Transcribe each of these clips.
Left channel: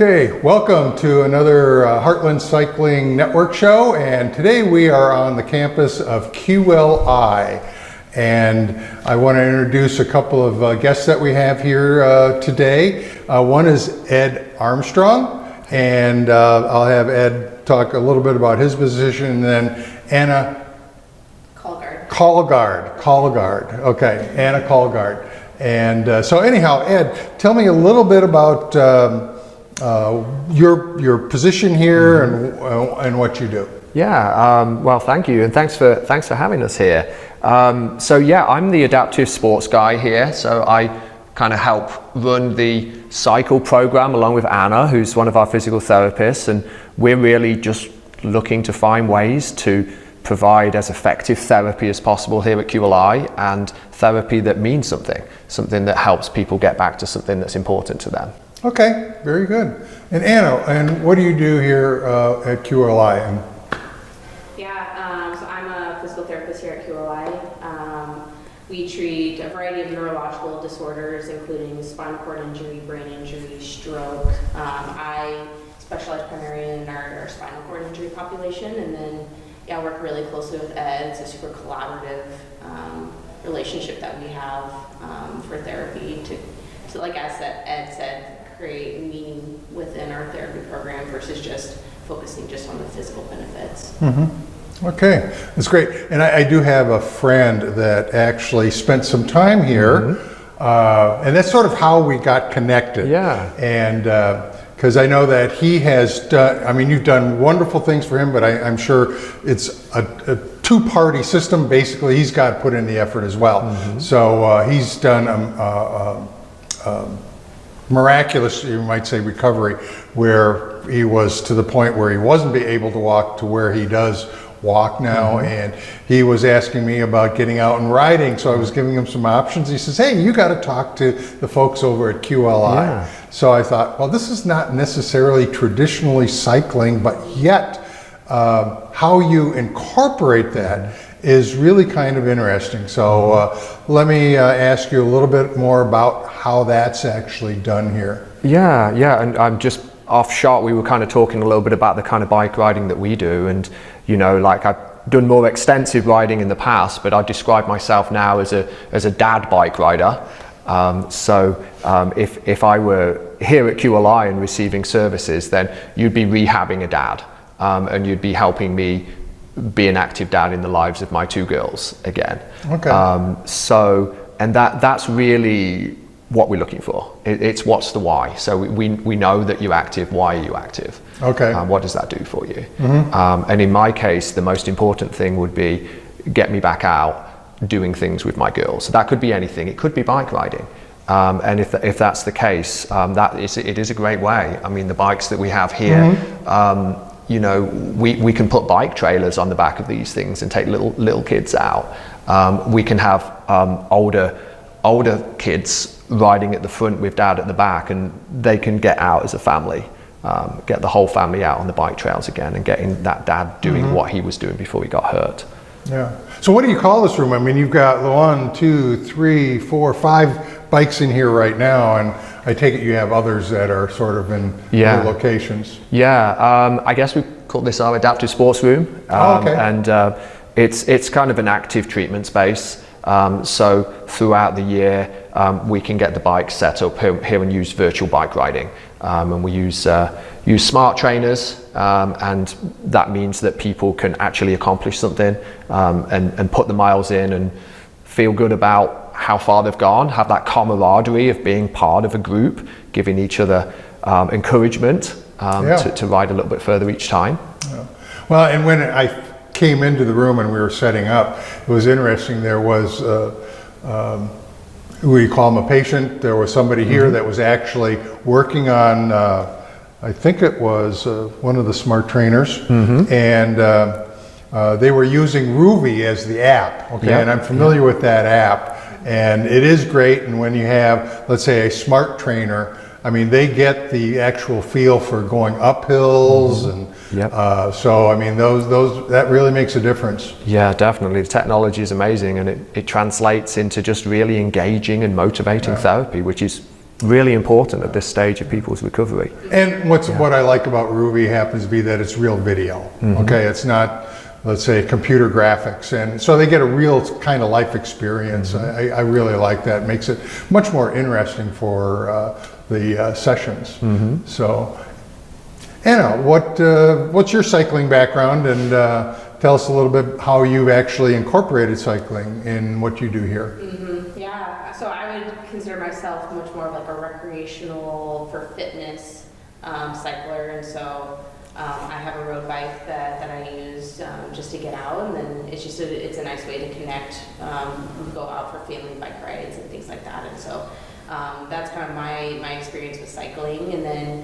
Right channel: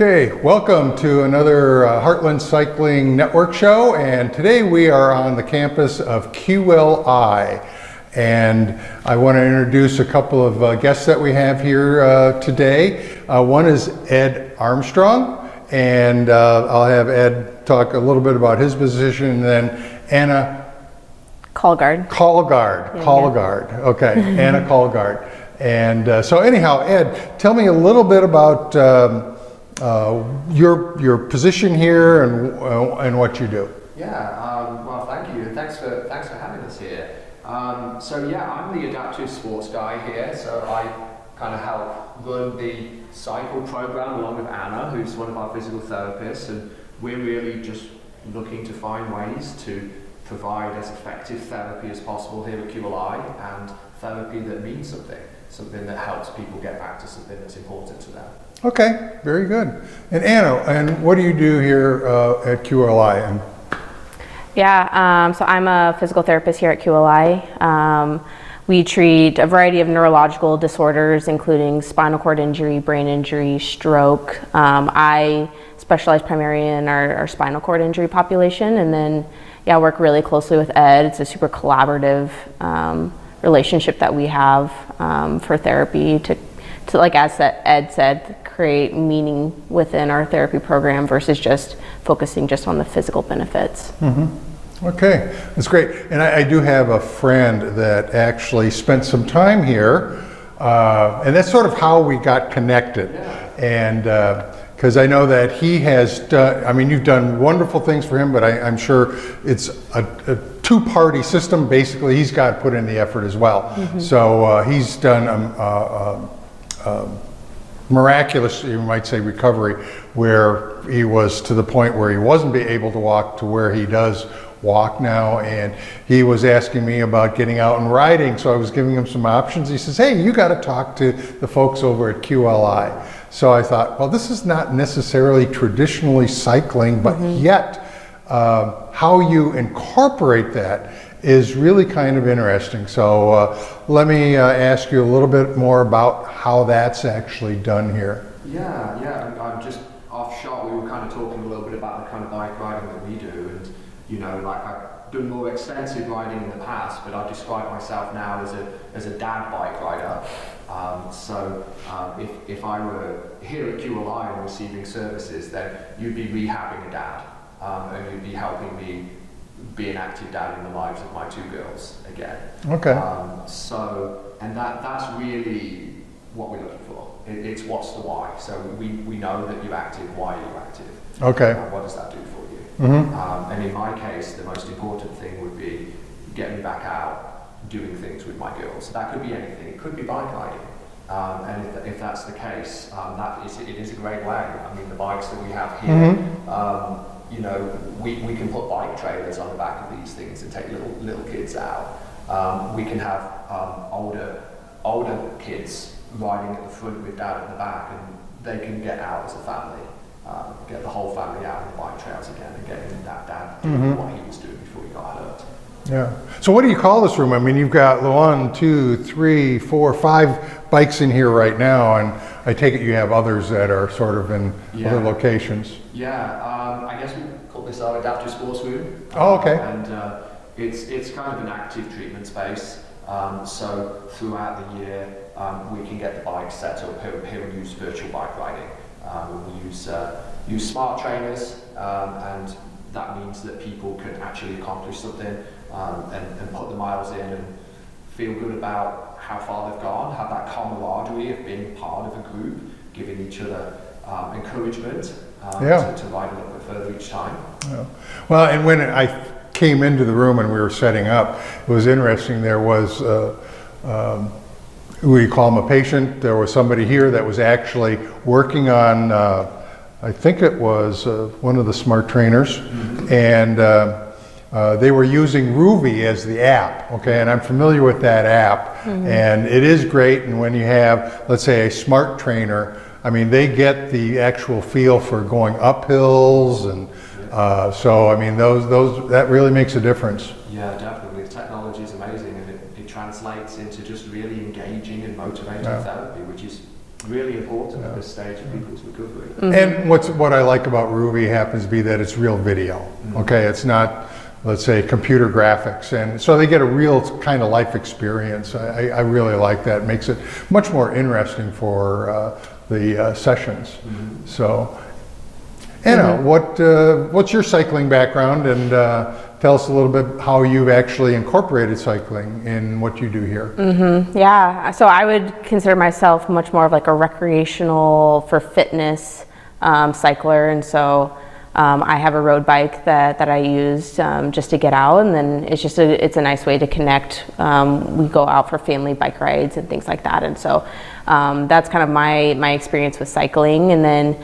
Okay, welcome to another Heartland Cycling Network show, and today we are on the campus of QLI, and I want to introduce a couple of guests that we have here today. One is Ed Armstrong, and I'll have Ed talk a little bit about his position, and then Anna Calgaard. Calgaard. Okay, Anna Calgaard. And so anyhow, Ed, tell me a little bit about your position here and what you do. Yeah, well, thank you, and thanks for having us here. So yeah, I'm the adaptive sports guy here. So I kind of help run the cycle program along with Anna, who's one of our physical therapists, and we're really just looking to find ways to provide as effective therapy as possible here at QLI, and therapy that means something that helps people get back to something that's important to them. Okay, very good. And Anna, and what do you do here at QLI? So I'm a physical therapist here at QLI. We treat a variety of neurological disorders, including spinal cord injury, brain injury, stroke. I specialize primarily in our spinal cord injury population, and then I work really closely with Ed. It's a super collaborative relationship that we have for therapy to like as Ed said, create meaning within our therapy program versus just focusing just on the physical benefits. Mm-hmm. Okay, that's great. And I do have a friend that actually spent some time here, and that's sort of how we got connected. Yeah. And because I know that he has done, I mean, you've done wonderful things for him, but I'm sure it's a two-party system. Basically, he's got to put in the effort as well. Mm-hmm. So he's done miraculous, you might say, recovery, where he was to the point where he wasn't able to walk to where he does walk now, and he was asking me about getting out and riding, so I was giving him some options. He says, hey, you got to talk to the folks over at QLI. Yeah. So I thought, well, this is not necessarily traditionally cycling, but yet how you incorporate that is really kind of interesting. So let me ask you a little bit more about how that's actually done here. Yeah, and I'm just off shot. We were kind of talking a little bit about the kind of bike riding that we do, and you know, like I've done more extensive riding in the past, but I describe myself now as a dad bike rider. If I were here at QLI and receiving services, then you'd be rehabbing a dad, and you'd be helping me be an active dad in the lives of my two girls again. Okay. And that's really what we're looking for. It's what's the why. So we know that you're active. Why are you active? Okay. What does that do for you? Mm-hmm. And in my case, the most important thing would be get me back out doing things with my girls. So that could be anything. It could be bike riding. And if that's the case, it is a great way. I mean, the bikes that we have here, you know, we can put bike trailers on the back of these things and take little kids out. We can have older kids riding at the front with dad at the back, and they can get out as a family, get the whole family out on the bike trails again, and getting that dad doing what he was doing before he got hurt. Yeah. So what do you call this room? I mean, you've got 1, 2, 3, 4, 5 bikes in here right now, and I take it you have others that are sort of in other locations. Yeah. I guess we call this our adaptive sports room. Okay. And it's kind of an active treatment space. So throughout the year, we can get the bikes set up here and use virtual bike riding. And we use smart trainers, and that means that people can actually accomplish something and put the miles in and feel good about how far they've gone, have that camaraderie of being part of a group, giving each other encouragement to ride a little bit further each time. Yeah. Well, and when I came into the room and we were setting up, it was interesting. There was we call him a patient. There was somebody here that was actually working on I think it was one of the smart trainers, and they were using Ruby as the app. Okay, and I'm familiar with that app, and it is great. And when you have, let's say, a smart trainer, I mean, they get the actual feel for going up hills, and so I mean, those that really makes a difference. Yeah, definitely. The technology is amazing, and it translates into just really engaging and motivating therapy, which is really important at this stage of people's recovery. And what I like about Ruby happens to be that it's real video. Okay, it's not, let's say, computer graphics, and so they get a real kind of life experience. I really like that. It makes it much more interesting for the sessions. So, Anna, what's your cycling background, and tell us a little bit how you've actually incorporated cycling in what you do here. Yeah, so I would consider myself much more of like a recreational for fitness cycler, and so I have a road bike that I use just to get out, and then it's a nice way to connect. We go out for family bike rides and things like that, and so that's kind of my experience with cycling. And then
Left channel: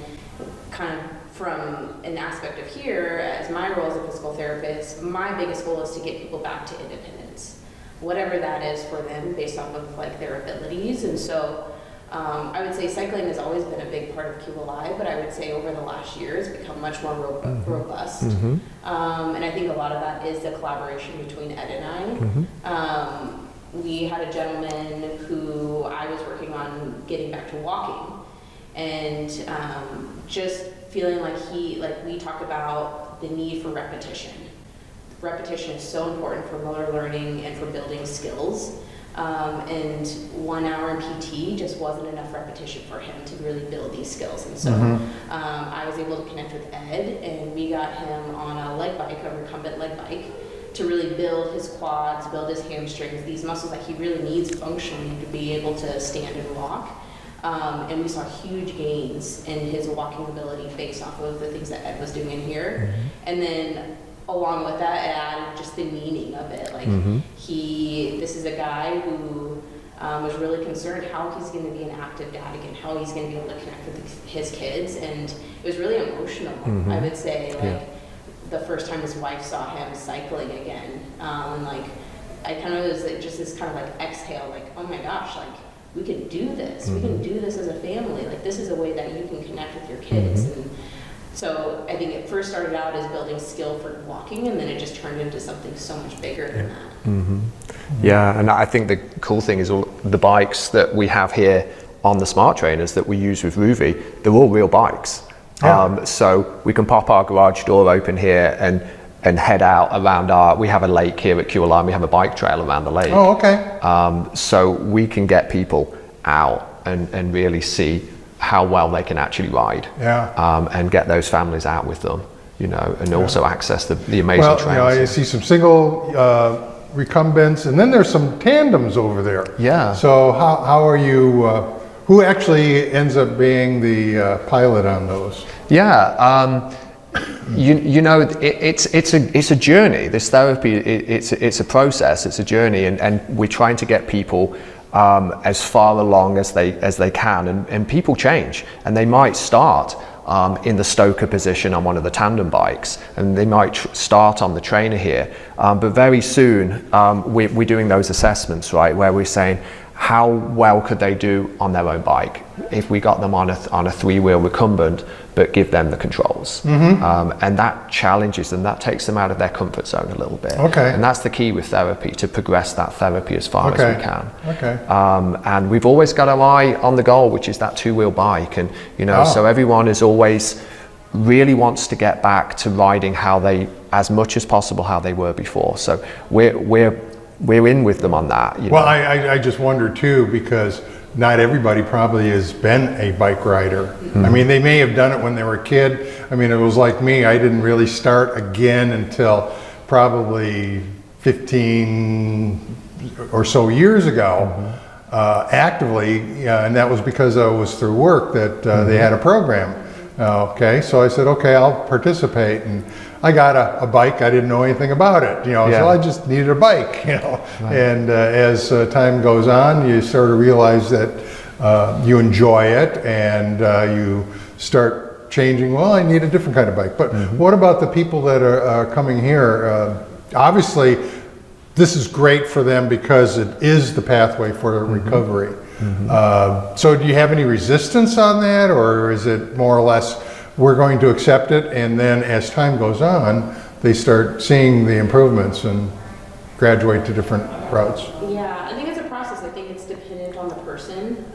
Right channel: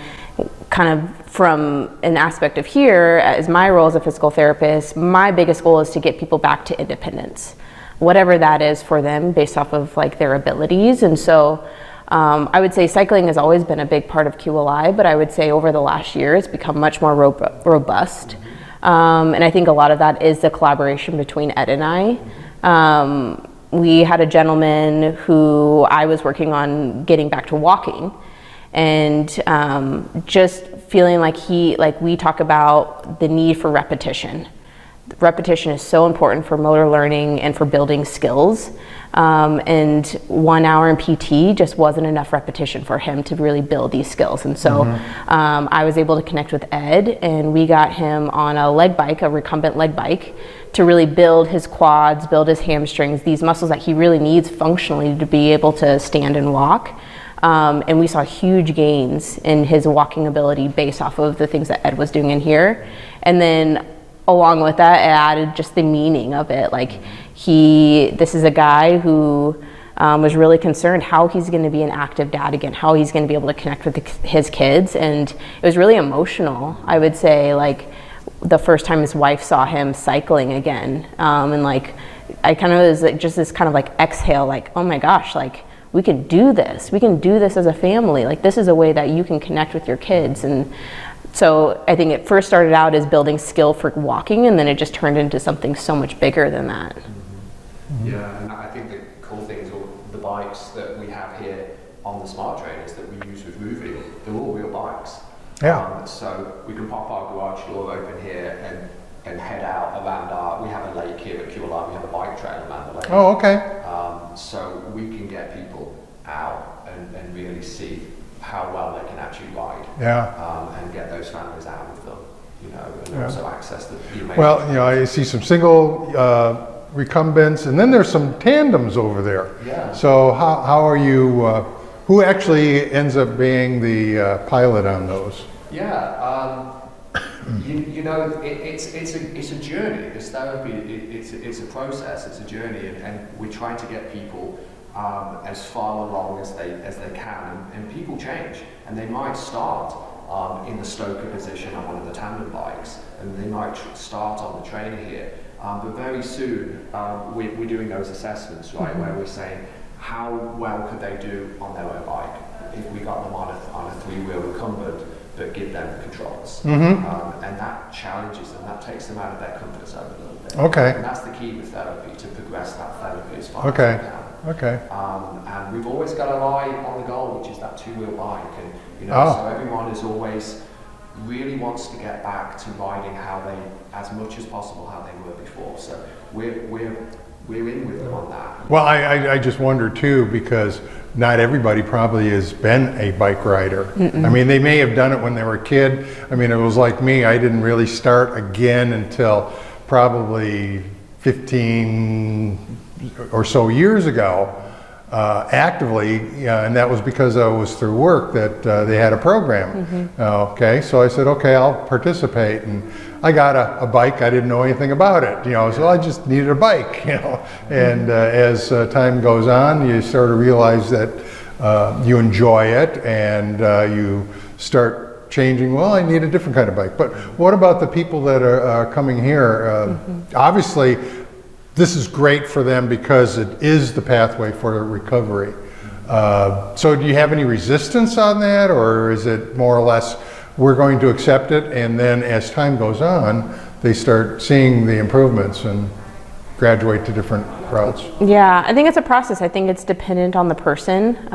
kind of from an aspect of here, as my role as a physical therapist, my biggest goal is to get people back to independence, whatever that is for them based off of like their abilities. And so I would say cycling has always been a big part of QLI, but I would say over the last year it's become much more robust. And I think a lot of that is the collaboration between Ed and I. We had a gentleman who I was working on getting back to walking, and just feeling like we talk about the need for repetition. Repetition is so important for motor learning and for building skills. And 1 hour in PT just wasn't enough repetition for him to really build these skills. And so I was able to connect with Ed, and we got him on a leg bike, a recumbent leg bike, to really build his quads, build his hamstrings, these muscles that he really needs functionally to be able to stand and walk. And we saw huge gains in his walking ability based off of the things that Ed was doing in here. And then along with that, it added just the meaning of it. Like this is a guy who was really concerned how he's going to be an active dad again, how he's going to be able to connect with his kids. And it was really emotional, I would say, like the first time his wife saw him cycling again. And like, I kind of was like, just this kind of like exhale, like, oh my gosh, like, we can do this. We can do this as a family. Like, this is a way that you can connect with your kids. And so I think it first started out as building skill for walking, and then it just turned into something so much bigger than that. Yeah, and I think the cool thing is all the bikes that we have here on the smart trainers that we use with Ruby, they're all real bikes. So we can pop our garage door open here and head out around we have a lake here at QLI, and we have a bike trail around the lake. Oh, okay. So we can get people out and really see how well they can actually ride. And get those families out with them, you know, and also access the amazing trails. Well, you know, I see some single recumbents, and then there's some tandems over there. Yeah. So how are you, who actually ends up being the pilot on those? Yeah. You know, it's a journey. This therapy, it's a process. It's a journey, and we're trying to get people as far along as they can. And people change, and they might start in the stoker position on one of the tandem bikes, and they might start on the trainer here. But very soon, we're doing those assessments, right, where we're saying, how well could they do on their own bike if we got them on a three-wheel recumbent, but give them the controls. And that challenges them, that takes them out of their comfort zone a little bit. Okay. And that's the key with therapy, to progress that therapy as far as we can. Okay. And we've always got our eye on the goal, which is that two-wheel bike. And, you know, so everyone is always really wants to get back to riding as much as possible how they were before. So we're in with them on that. You know? Well, I just wonder too, because not everybody probably has been a bike rider. I mean, they may have done it when they were a kid. I mean, it was like me, I didn't really start again until probably 15 or so years ago, actively, and that was because I was through work that they had a program. Okay, so I said, okay, I'll participate, and I got a bike. I didn't know anything about it, you know, so I just needed a bike, you know. And as time goes on, you sort of realize that you enjoy it, and you start changing, well, I need a different kind of bike. But what about the people that are coming here? Obviously, this is great for them because it is the pathway for recovery. So do you have any resistance on that, or is it more or less we're going to accept it, and then as time goes on, they start seeing the improvements and graduate to different routes? Yeah, I think it's a process. I think it's dependent on the person.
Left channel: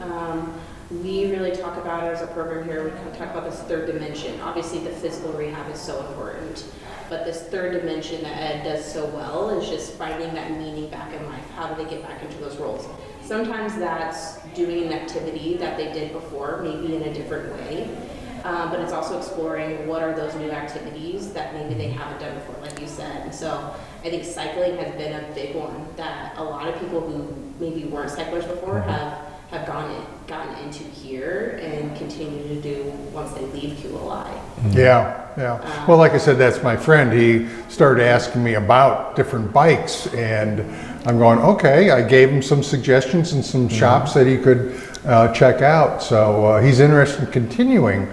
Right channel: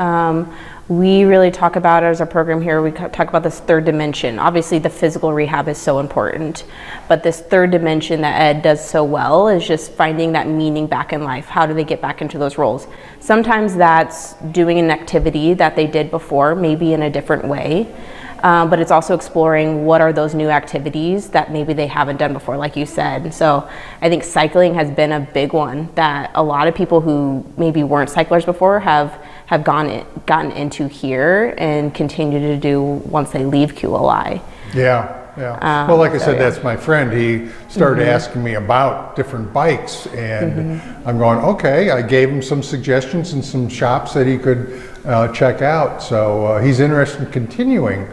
we really talk about it as a program here. We talk about this third dimension. Obviously, the physical rehab is so important, but this third dimension that Ed does so well is just finding that meaning back in life. How do they get back into those roles? Sometimes that's doing an activity that they did before, maybe in a different way. But it's also exploring what are those new activities that maybe they haven't done before, like you said. So I think cycling has been a big one that a lot of people who maybe weren't cyclers before have gotten into here and continue to do once they leave QLI. Yeah. Yeah. Well, like I said, that's my friend. He started asking me about different bikes, and I'm going, okay. I gave him some suggestions and some shops that he could check out. So he's interested in continuing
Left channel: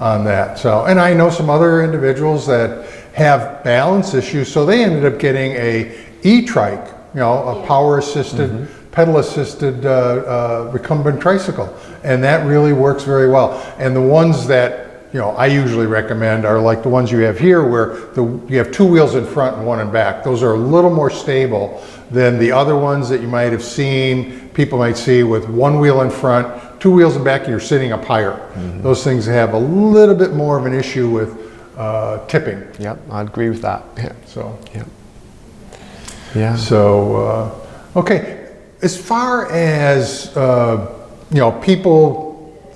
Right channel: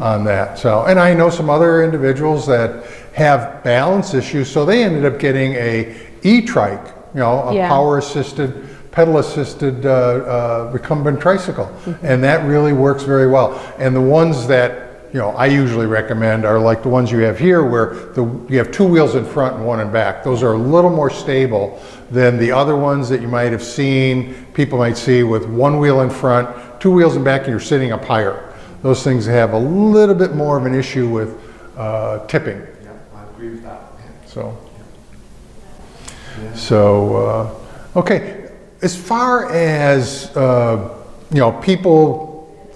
on that. So, and I know some other individuals that have balance issues, so they ended up getting a e-trike, a power-assisted, pedal-assisted recumbent tricycle, and that really works very well. And the ones that I usually recommend are like the ones you have here, where you have two wheels in front and one in back. Those are a little more stable than the other ones that you might have seen, people might see with one wheel in front, two wheels in back, and you're sitting up higher. Those things have a little bit more of an issue with tipping. Yeah, I agree with that. Yeah. So, Yeah. So, okay, as far as people,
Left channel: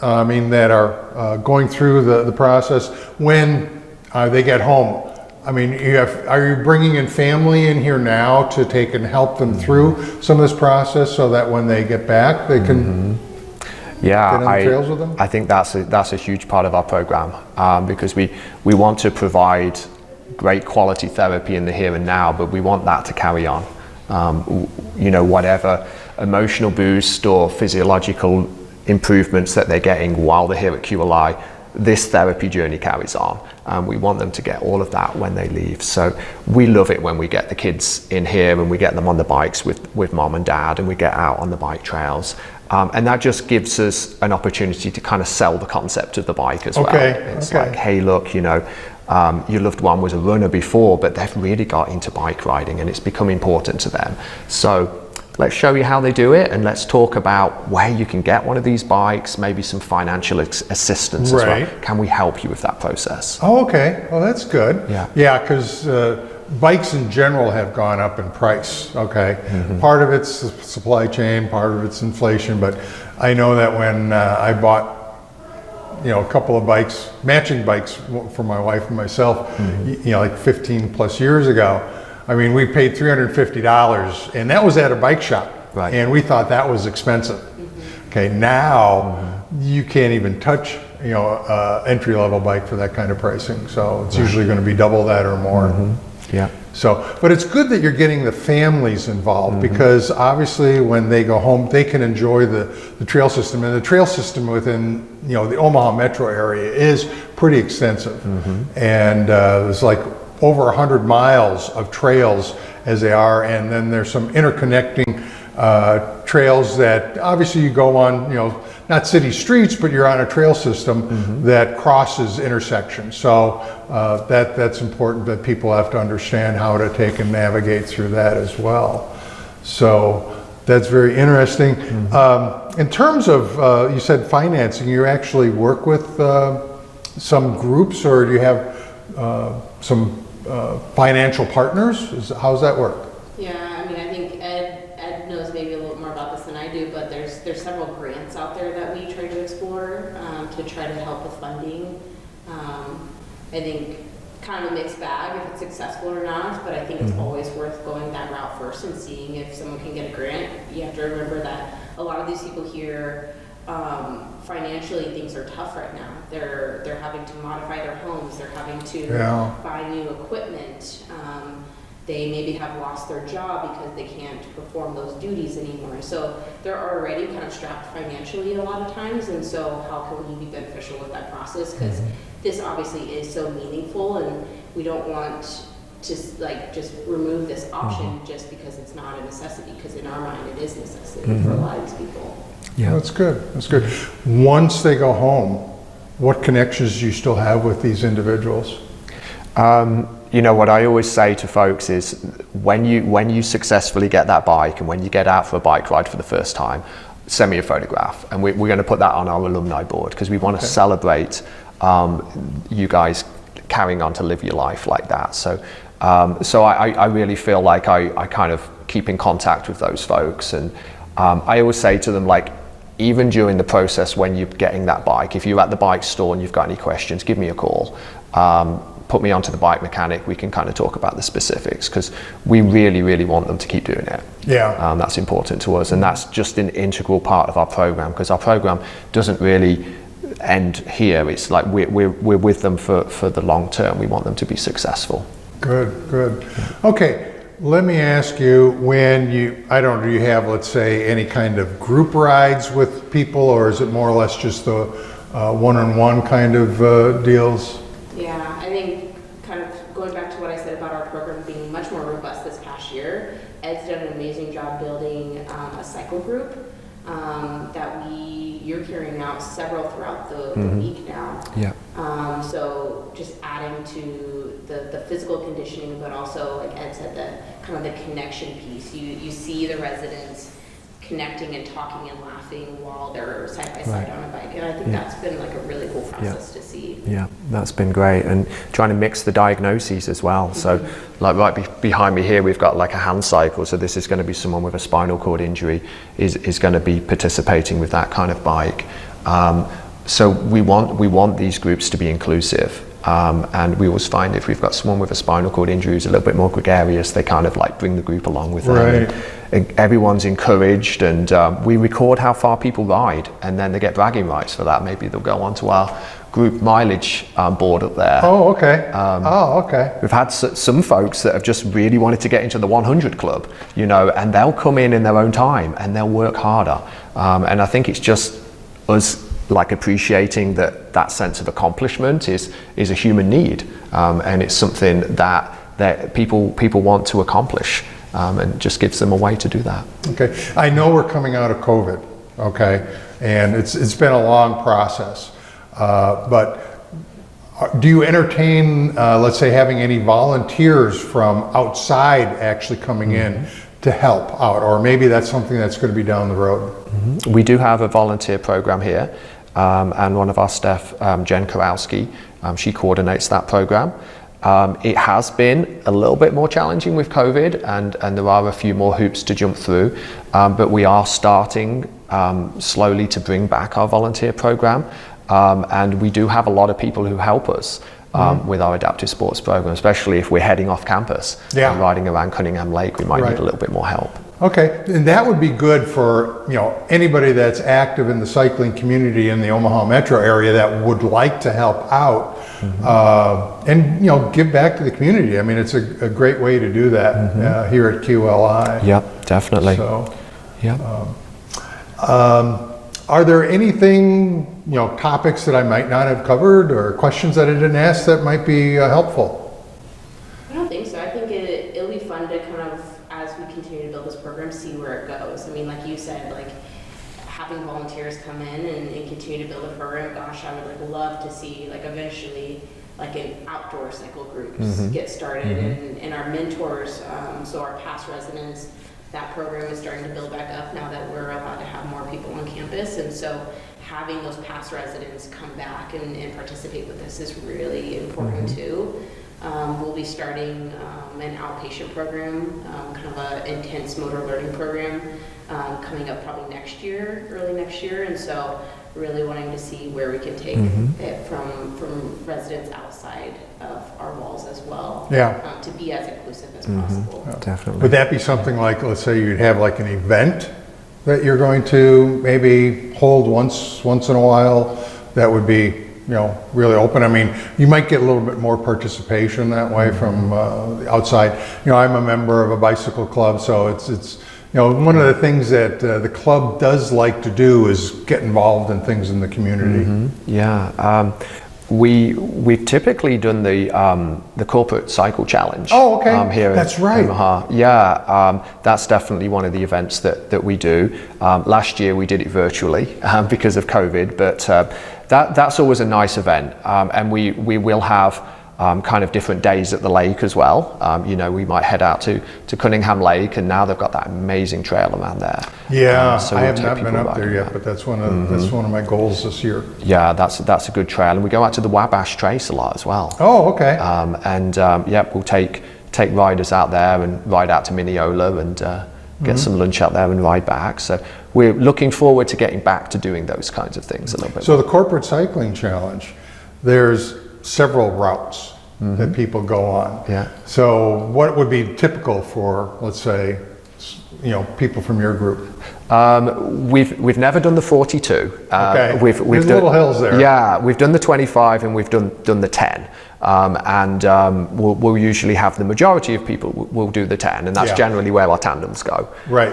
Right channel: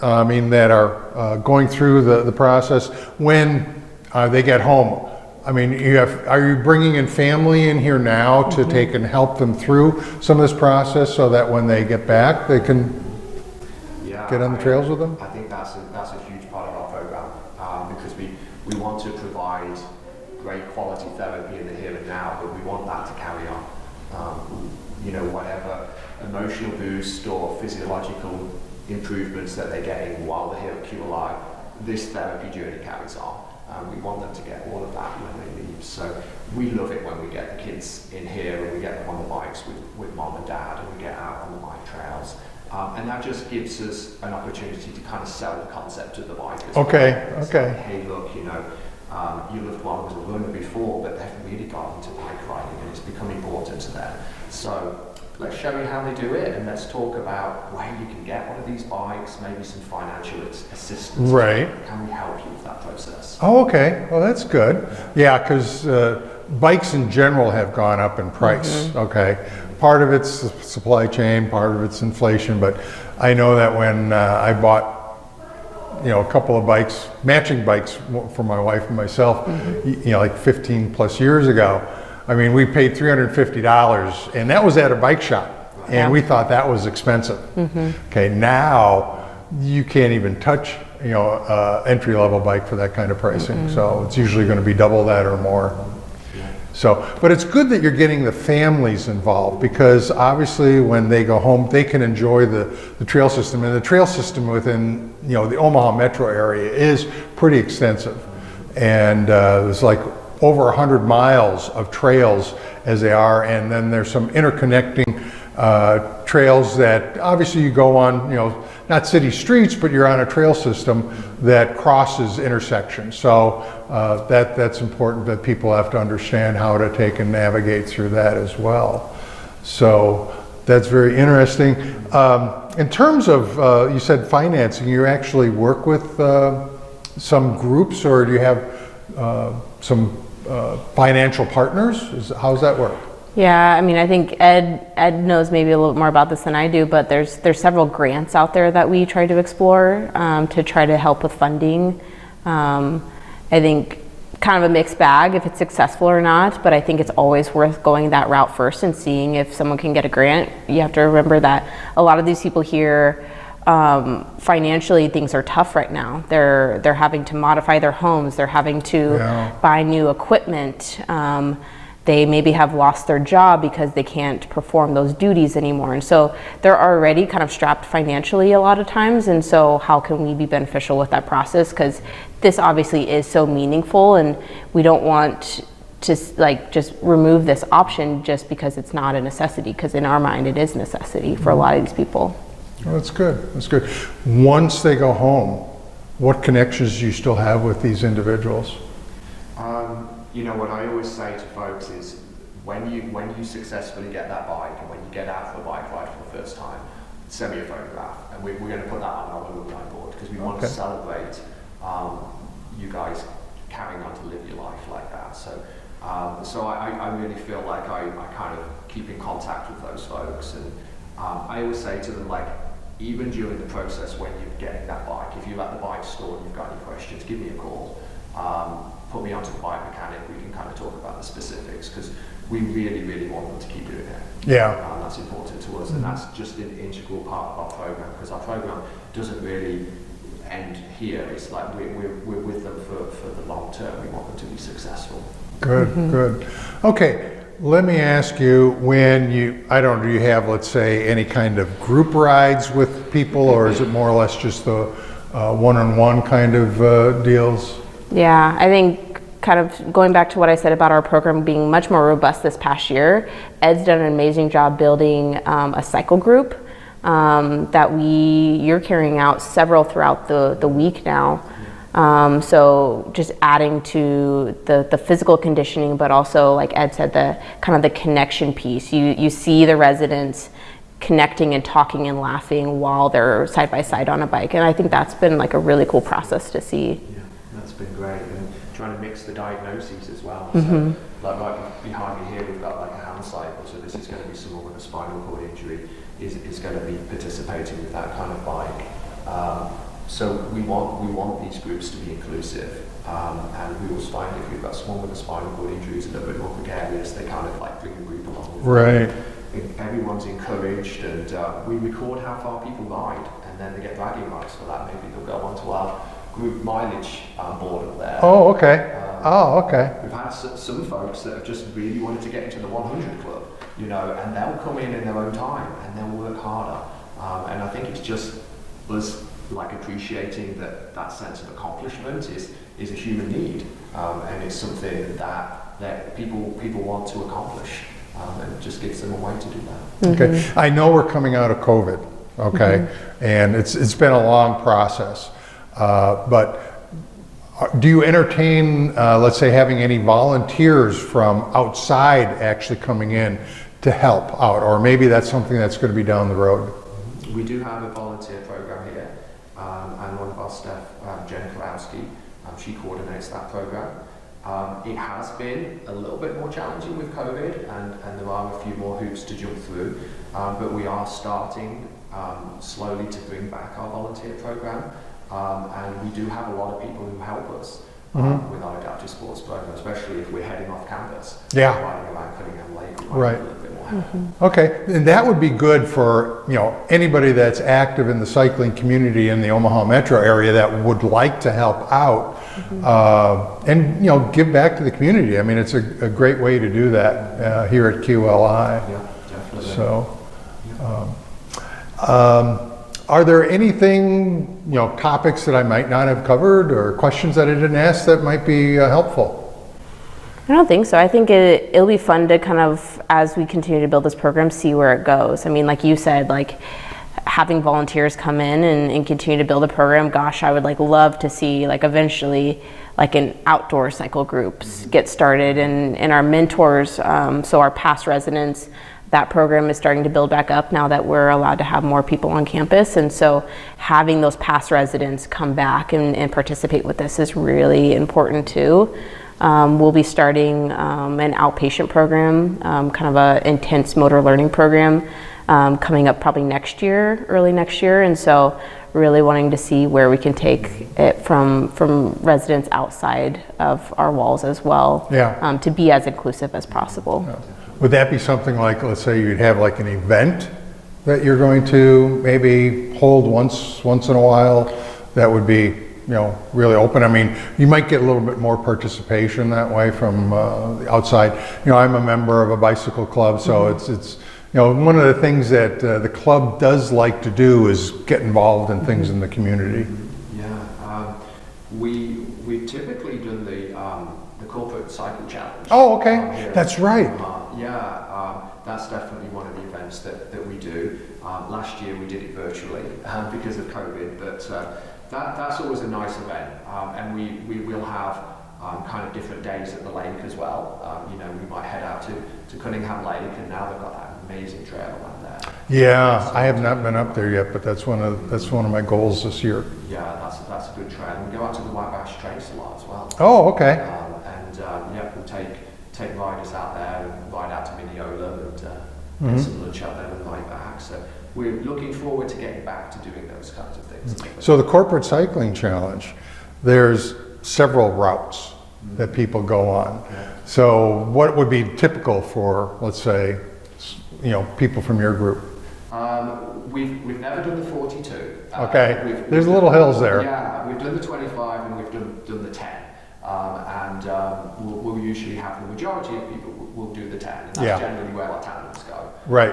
that are going through the process when they get home. I mean, are you bringing in family in here now to take and help them through some of this process so that when they get back, they can get on the trails with them? I think that's a huge part of our program because we want to provide great quality therapy in the here and now, but we want that to carry on. Whatever emotional boost or physiological improvements that they're getting while they're here at QLI, this therapy journey carries on. We want them to get all of that when they leave. So we love it when we get the kids in here and we get them on the bikes with mom and dad, and we get out on the bike trails. And that just gives us an opportunity to kind of sell the concept of the bike as well. It's like, hey, look, your loved one was a runner before, but they've really got into bike riding and it's become important to them. So let's show you how they do it, and let's talk about where you can get one of these bikes, maybe some financial assistance as well. Can we help you with that process? Oh, okay. Well, that's good. Yeah, because bikes in general have gone up in price, okay? Part of it's the supply chain, part of it's inflation, but I know that when I bought a couple of bikes, matching bikes for my wife and myself, like 15 plus years ago, I mean, we paid $350, and that was at a bike shop, and we thought that was expensive. Okay, now you can't even touch, entry-level bike for that kind of pricing. So it's usually going to be double that or more. So, but it's good that you're getting the families involved because obviously when they go home, they can enjoy the trail system, and the trail system within the Omaha metro area is pretty extensive, and there's like over 100 miles of trails as they are, and then there's some interconnecting trails that obviously you go on, not city streets, but you're on a trail system that crosses intersections. So that's important that people have to understand how to take and navigate through that as well. So that's very interesting. In terms of, you said financing, you actually work with some groups, or do you have some financial partners? How does that work? Yeah, I mean, I think Ed knows maybe a little more about this than I do, but there's several grants out there that we try to explore to try to help with funding. I think kind of a mixed bag if it's successful or not, but I think it's always worth going that route first and seeing if someone can get a grant. You have to remember that a lot of these people here, financially things are tough right now. They're having to modify their homes, they're having to buy new equipment. They maybe have lost their job because they can't perform those duties anymore. And so they're already kind of strapped financially a lot of times. And so how can we be beneficial with that process? Because this obviously is so meaningful, and we don't want to just remove this option just because it's not a necessity, because in our mind it is a necessity for a lot of these people. Yeah, that's good. That's good. Once they go home, what connections do you still have with these individuals? What I always say to folks is when you successfully get that bike and when you get out for a bike ride for the first time, send me a photograph, and we're going to put that on our alumni board because we want to celebrate you guys carrying on to live your life like that. So I really feel like I kind of keep in contact with those folks, and I always say to them, like, even during the process when you're getting that bike, if you're at the bike store and you've got any questions, give me a call. Put me onto the bike mechanic, we can kind of talk about the specifics, because we really, really want them to keep doing it. Yeah. That's important to us, and that's just an integral part of our program, because our program doesn't really end here. It's like we're with them for the long term. We want them to be successful. Good, good. Okay, let me ask you, when I don't know, do you have, let's say, any kind of group rides with people, or is it more or less just the one-on-one kind of deals? Yeah, I think kind of going back to what I said about our program being much more robust this past year, Ed's done an amazing job building a cycle group that you're carrying out several throughout the week now. Yeah. So just adding to the physical conditioning, but also, like Ed said, the kind of the connection piece. You see the residents connecting and talking and laughing while they're side by side on a bike, and I think that's been like a really cool process to see. Yeah, that's been great, and trying to mix the diagnoses as well. So like right behind me here, we've got like a hand cycle, so this is going to be someone with a spinal cord injury is going to be participating with that kind of bike. So we want these groups to be inclusive. And we always find if we've got someone with a spinal cord injury who's a little bit more gregarious, they kind of like bring the group along with them. Right. And everyone's encouraged, and we record how far people ride, and then they get bragging rights for that. Maybe they'll go onto our group mileage board up there. Oh, okay. Okay. We've had some folks that have just really wanted to get into the 100 club, you know, and they'll come in their own time and they'll work harder. And I think it's just us like appreciating that sense of accomplishment is a human need, and it's something that people want to accomplish, and just gives them a way to do that. Okay, I know we're coming out of COVID, okay, and it's been a long process, but do you entertain, let's say, having any volunteers from outside actually coming in to help out, or maybe that's something that's going to be down the road? We do have a volunteer program here. And one of our staff, Jen Kowalski, she coordinates that program. It has been a little bit more challenging with COVID, and there are a few more hoops to jump through, but we are starting slowly to bring back our volunteer program, and we do have a lot of people who help us with our adaptive sports program, especially if we're heading off campus and riding around Cunningham Lake. We might need a little bit more help. Okay, and that would be good for, you know, anybody that's active in the cycling community in the Omaha metro area that would like to help out and, you know, give back to the community. I mean, it's a great way to do that here at QLI. Yeah, definitely. So, yeah. Are there anything, you know, topics that I might not have covered, or questions that I didn't ask that might be helpful? I don't think so. I think it'll be fun to kind of, as we continue to build this program, see where it goes. I mean, like you said, like having volunteers come in and continue to build a program, gosh, I would like love to see like eventually like an outdoor cycle groups get started, and our mentors, so our past residents, that program is starting to build back up now that we're allowed to have more people on campus. And so having those past residents come back and participate with this is really important too. We'll be starting an outpatient program, kind of a intense motor learning program coming up probably next year, early next year. And so really wanting to see where we can take it from residents outside of our walls as well, to be as inclusive as possible. Definitely. Would that be something like, let's say you'd have like an event that you're going to maybe hold once in a while that would be, you know, really open? I mean, you might get a little bit more participation that way from the outside. You know, I'm a member of a bicycle club, so it's you know, one of the things that the club does like to do is get involved in things in the community. Yeah, we've typically done the corporate cycle challenge. Oh, okay. Here that's in right. Omaha. Yeah, that's definitely one of the events that we do. Last year we did it virtually because of COVID, but that's always a nice event, and we will have kind of different days at the lake as well. You know, we might head out to Cunningham Lake, and now they've got that amazing trail around there. Yeah, So I we'll have take not been people up there yet, but that's one of my goals this year. Yeah, that's a good trail, and we go out to the Wabash Trace a lot as well. Oh, okay. We'll take riders out there and ride out to Mineola and get some lunch out there and ride back. So we're looking forward to getting back to doing those kinds of things a little bit. So the Corporate Cycling Challenge, there's several routes that people go on. Yeah. So what would be typical for, let's say, people from your group? We've never done the 42. Okay. We've There's done, little hills there. Yeah, we've done the 25 and we've done the 10. We'll usually have the majority of people will do the 10, and that's generally where our tandems go. Right.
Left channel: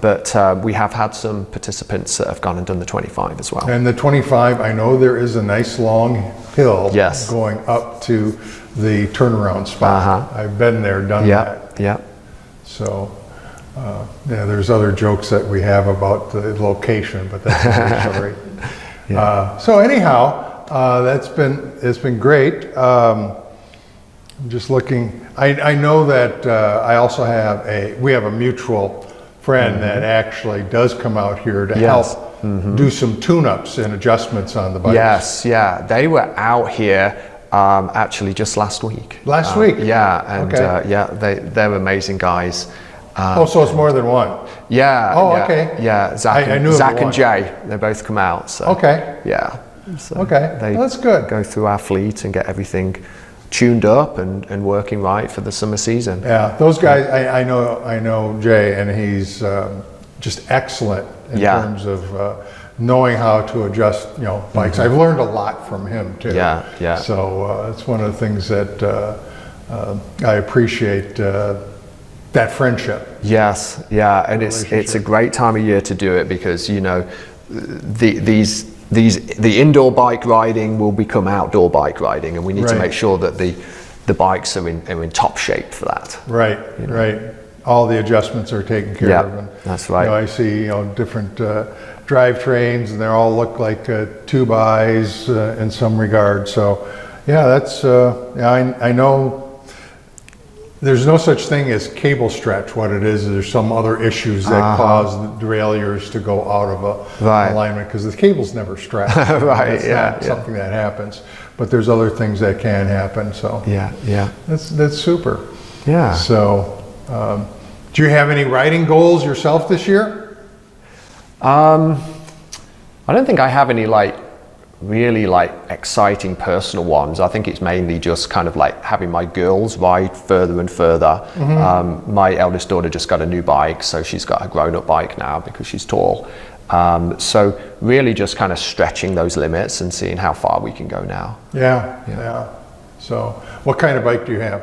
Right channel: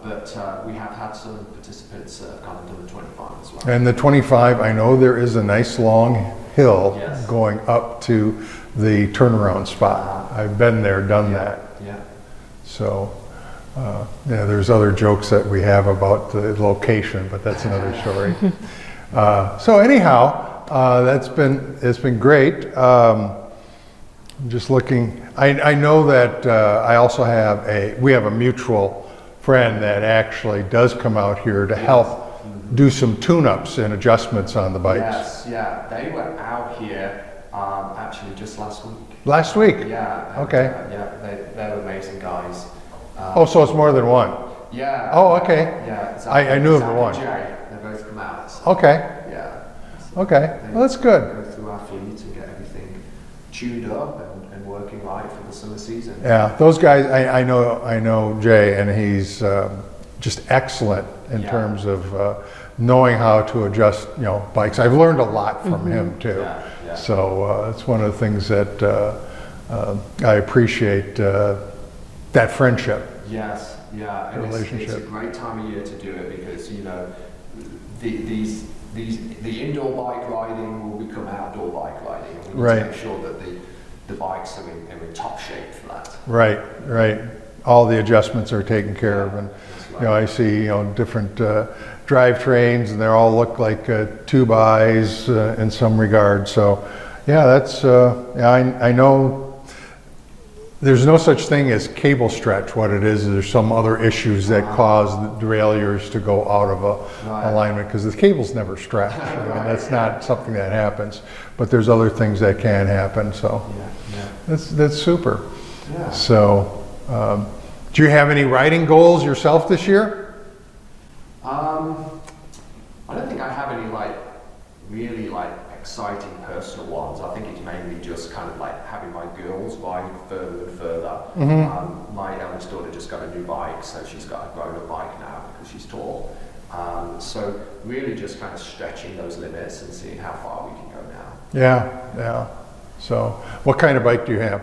But we have had some participants that have gone and done the 25 as well. And the 25, I know there is a nice long hill Yes. going up to the turnaround spot. I've been there, done that. Yeah. So, there's other jokes that we have about the location, but that's another story. So anyhow, it's been great. I'm just looking. I know that I also have we have a mutual friend that actually does come out here to help do some tune-ups and adjustments on the bikes. Yes, yeah. They were out here actually just last week. Last week? Yeah. And, okay. they're amazing guys. So it's more than one. Yeah. Oh, yeah, okay. Yeah. Zach, I knew of Zach the one. and Jay, they both come out. So, Okay. Yeah. So Okay. they Well, that's good. Go through our fleet and get everything tuned up and working right for the summer season. Yeah, those guys. I know Jay, and he's just excellent in terms of knowing how to adjust, bikes. I've learned a lot from him too. Yeah. So it's one of the things that I appreciate. That friendship. Yes, yeah, and it's a great time of year to do it because the indoor bike riding will become outdoor bike riding, and we need to make sure that the bikes are in top shape for that. Right, right. All the adjustments are taken care of, and that's right. I see different drivetrains, and they all look like 2x in some regard. So, yeah, that's I know. There's no such thing as cable stretch. What it is there's some other issues that cause the derailleurs to go out of alignment because the cables never stretch. That's not something that happens. But there's other things that can happen. So yeah. That's super. Yeah. So, do you have any riding goals yourself this year? I don't think I have any really exciting personal ones. I think it's mainly just kind of having my girls ride further and further. My eldest daughter just got a new bike, so she's got a grown-up bike now because she's tall. So really just kind of stretching those limits and seeing how far we can go now. Yeah. So what kind of bike do you have?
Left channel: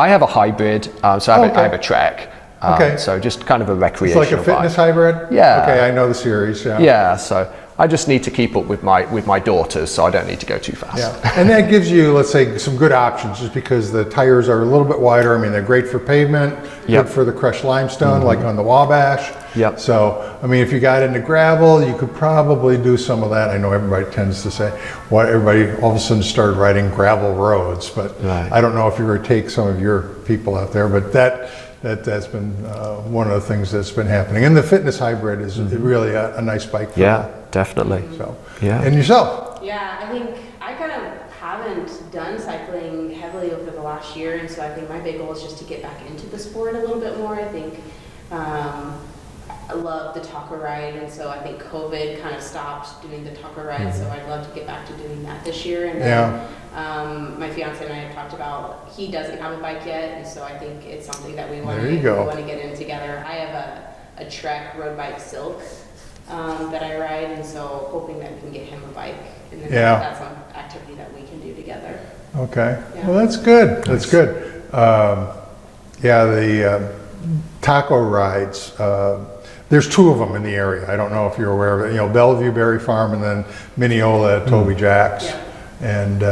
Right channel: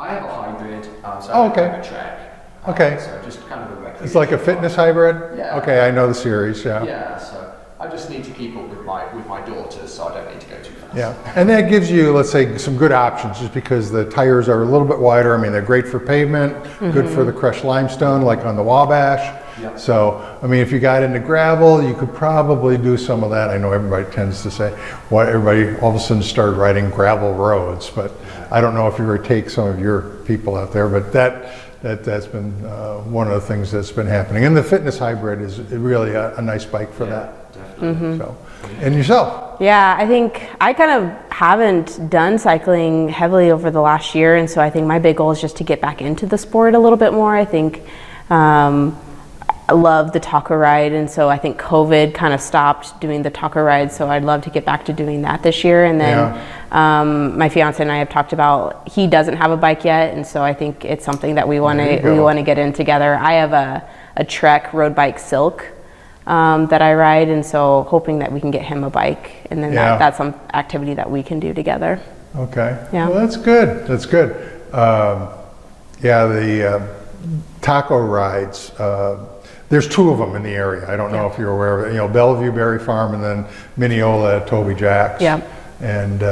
I have a hybrid, so I have a Trek. Okay. So just kind of a recreation It's like a fitness hybrid? Yeah. Okay, I know the series, Yeah, so I just need to keep up with my daughters, so I don't need to go too fast. Yeah, and that gives you, let's say, some good options just because the tires are a little bit wider. I mean, they're great for pavement, good for the crushed limestone, like on the Wabash. Yep. So, I mean, if you got into gravel, you could probably do some of that. I know everybody tends to say, everybody all of a sudden started riding gravel roads, but I don't know if you're going to take some of your people out there, but that's been one of the things that's been happening. And the fitness hybrid is really a nice bike for that. Definitely. So, and yourself? Yeah, I think I kind of haven't done cycling heavily over the last year, and so I think my big goal is just to get back into the sport a little bit more. I think I love the taco ride, and so I think COVID kind of stopped doing the taco ride, so I'd love to get back to doing that this year. And then my fiance and I have talked about, he doesn't have a bike yet, and so I think it's something that we want to get in together. I have a Trek road bike Silk that I ride, and so hoping that we can get him a bike, and then that's some activity that we can do together. Okay. Yeah. Well, that's good. That's good. The taco rides. There's two of them in the area. I don't know if you're aware of it. Bellevue Berry Farm and then Mineola at Toby Jack's. Yeah. And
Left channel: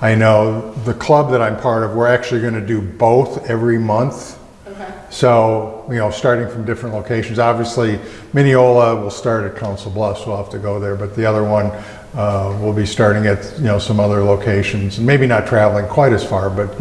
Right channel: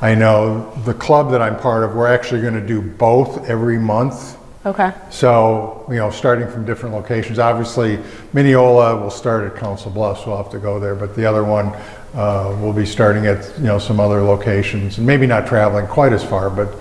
I know the club that I'm part of, we're actually going to do both every month. Okay. So, starting from different locations. Obviously, Mineola will start at Council Bluffs. We'll have to go there. But the other one, we'll be starting at some other locations, and maybe not traveling quite as far, but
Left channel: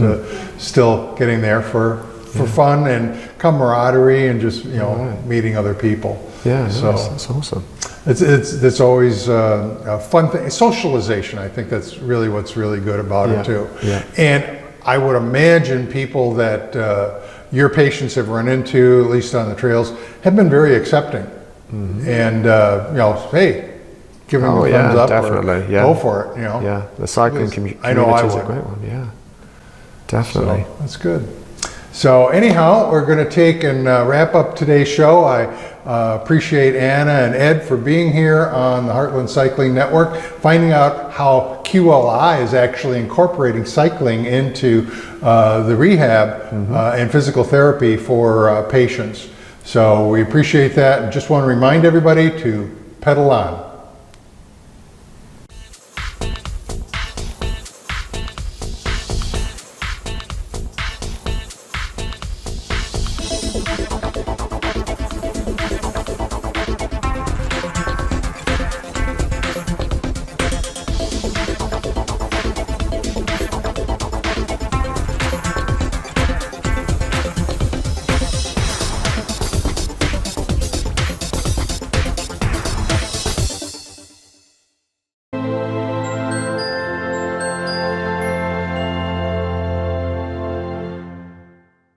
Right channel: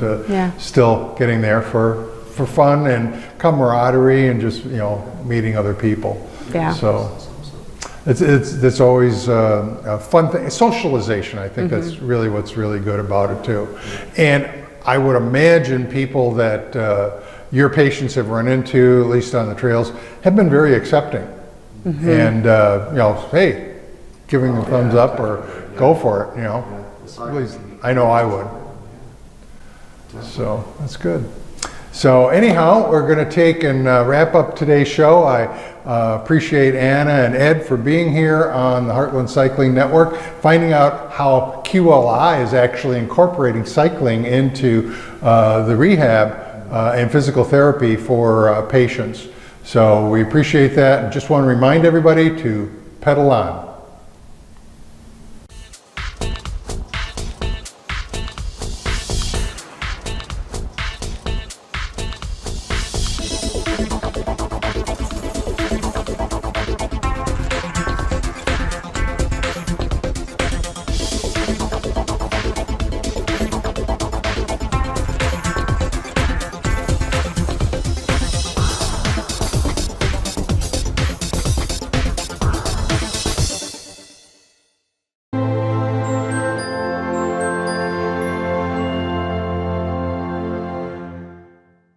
still getting there for fun and camaraderie and just meeting other people. Yeah, so that's awesome. it's always a fun thing. Socialization, I think that's really what's really good about it too. Yeah. And I would imagine people that your patients have run into, at least on the trails, have been very accepting. And hey, giving the thumbs up or go for it. Yeah, the cycling community. I know I is a would. great one. Yeah, definitely. So that's good. So anyhow, we're going to take and wrap up today's show. I appreciate Anna and Ed for being here on the Heartland Cycling Network, finding out how QLI is actually incorporating cycling into the rehab and physical therapy for patients. So we appreciate that, and just want to remind everybody to pedal on.